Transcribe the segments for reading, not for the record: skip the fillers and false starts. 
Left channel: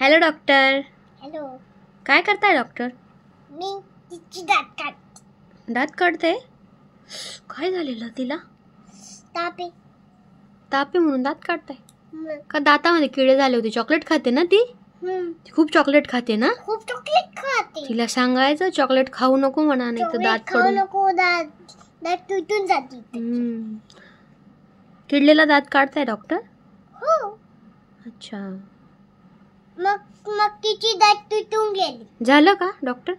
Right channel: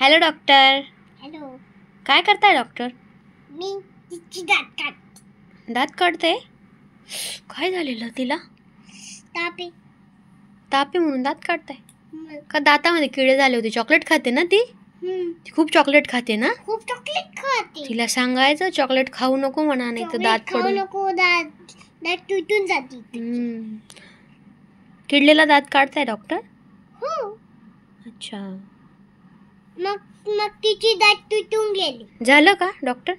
Hello doctor. Hello. काय करताय doctor? मी तिची दात काढते. काय झालेलं तिला? ताप आहे म्हणून दात काढताय का? दातामध्ये किडे झाले होते. चॉकलेट खाते ना ती? खूप चॉकलेट खाते ना? खूप चॉकलेट खाते. तिला सांगायचं चॉकलेट खाऊ नको म्हणा, नाही तर दात खाऊ नको, दात तुटून जाते. किडलेला दात काढताय डॉक्टर? हो. अच्छा. मग तिची दात तुटून गेली. झालं का डॉक्टर?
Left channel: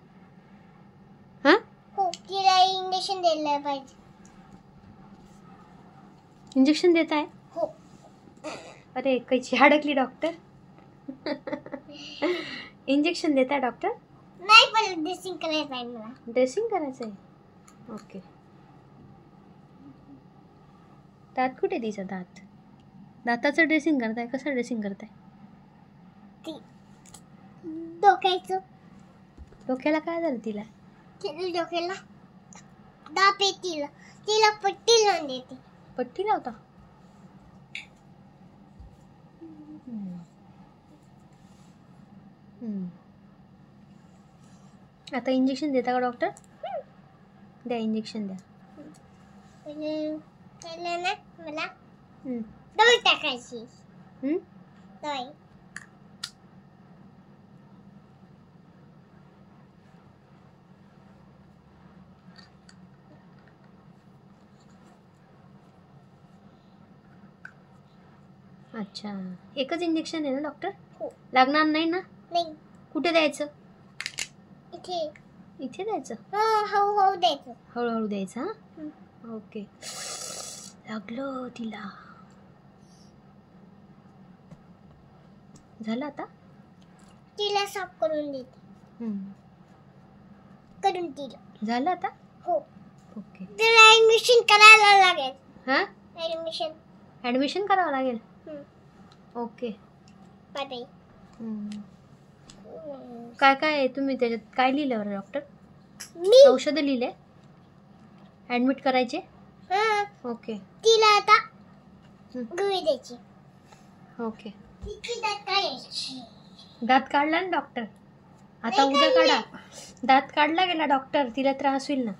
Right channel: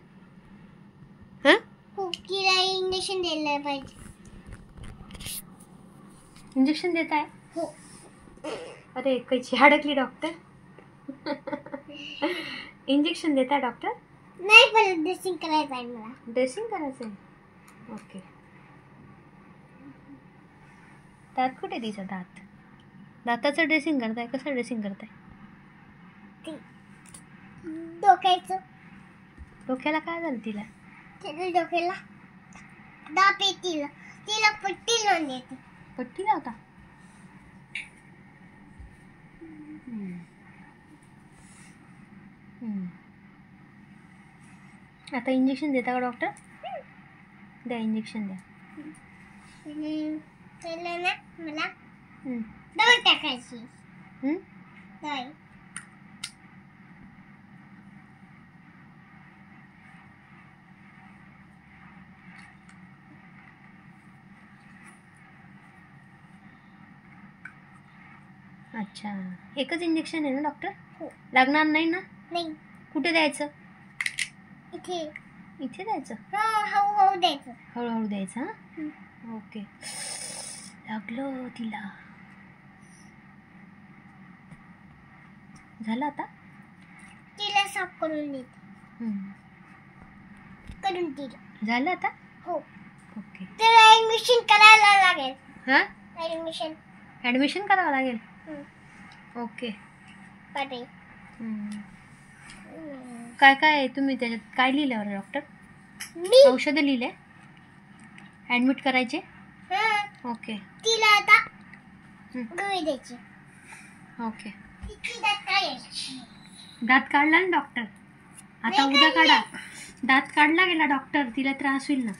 हा? हो. तिला इंजेक्शन द्यायला पाहिजे. इंजेक्शन देत आहे? हो. अरे कैची अडकली डॉक्टर. इंजेक्शन देत आहे डॉक्टर? नाही, पण ड्रेसिंग करायला पाहिजे मला. ड्रेसिंग करायचं आहे. ओके. दात कुठे तिचा दात? दाताचं ड्रेसिंग करताय? कसं ड्रेसिंग करताय? डोक्याला काय झालं तिला? डोक्याला दाप येते. तिला पट्टी लावून देते. पट्टी लावता? आता इंजेक्शन देता का डॉक्टर? द्या इंजेक्शन द्या. पहिला ना मला दवाई टाकायची. दवाई. अच्छा, एकच इंजेक्शन आहे ना डॉक्टर? हो. लागणार नाही ना? नाही. कुठे द्यायचं? इथे. इथे द्यायचं? हळूहळू द्यायचं. हळूहळू द्यायचं. हां, ओके. लागलं तिला. झालं आता? तिला साफ करून देते. करून दिलं. झालं आता? हो. ओके. तिला ऍडमिशन करायला लागेल. हां? ॲडमिशन करावं लागेल. ओके. बाय. काय काय तुम्ही त्याच्यात काय लिहिलं डॉक्टर? मी औषधं लिहिले? ॲडमिट करायचे? ओके. तिला आता गोळी द्यायची. ओके. तिची दात काढायची. दात काढला ना डॉक्टर? आता उद्या काढा. दात काढला गेला डॉक्टर, तिला त्रास होईल ना.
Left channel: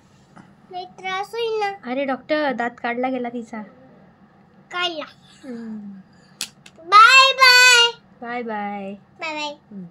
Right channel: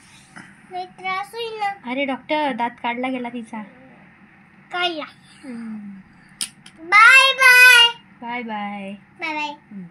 नाही, त्रास होईल ना. अरे डॉक्टर, दात काढला गेला तिचा. काढला. Bye bye. Bye bye. Bye bye.